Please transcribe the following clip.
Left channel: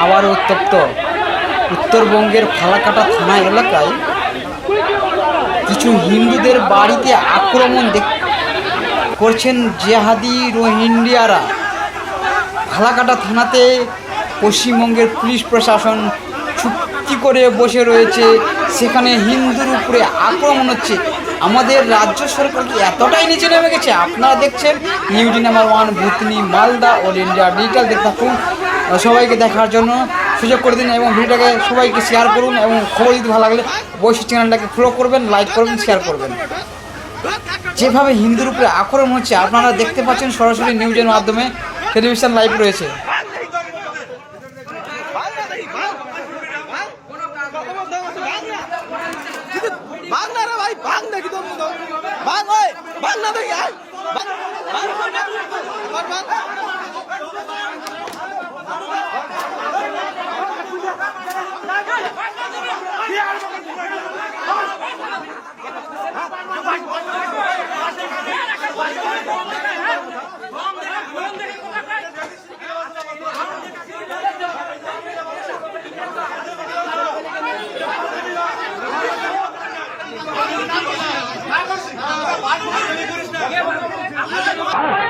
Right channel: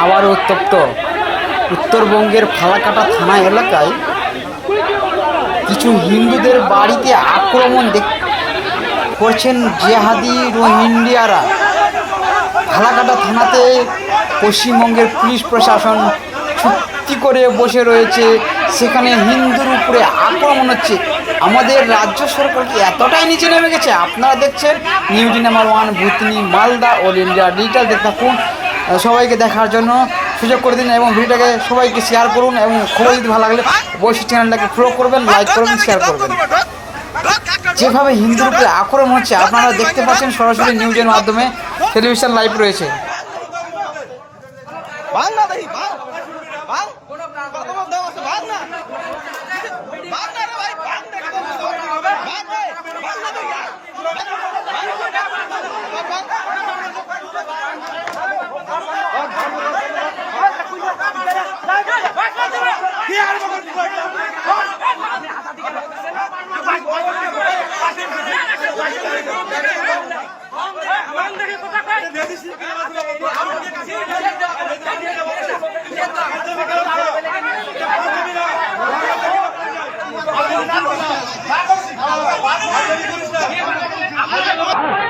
আবার উত্তপ্ত। উত্তরবঙ্গের ফালাকাটা থানা এলাকায় কিছু হিন্দুদের বাড়িতে আক্রমণ দেখ- করছেন জেহাদি রোহিঙ্গিয়ারা ফালাকাটা থানাতে পশ্চিমবঙ্গের পুলিশ প্রশাসন চুক্তি করে বসে রয়েছে। সেখানে হিন্দুর উপরে আক্রমণ হচ্ছে। আমাদের রাজ্য সরকার কি এতটাই নিচে নেমে গেছে? আপনারা দেখছেন news number one, Bhutni, Malda, all India digital. দেখতে থাকুন। সবাইকে দেখার জন্য সুযোগ করে দিন এবং ভিডিওটাকে সবাইকে শেয়ার করুন এবং খবর যদি ভালো লাগলে অবশ্যই চ্যানেলটাকে ফলো করবেন লাইক করবেন শেয়ার করবেন। যেভাবে হিন্দুর উপরে আক্রমণ হচ্ছে, আপনারা দেখতে পাচ্ছেন সরাসরি নিউজের মাধ্যমে টেলিভিশন লাইভ রয়েছে। ভাঙ আরে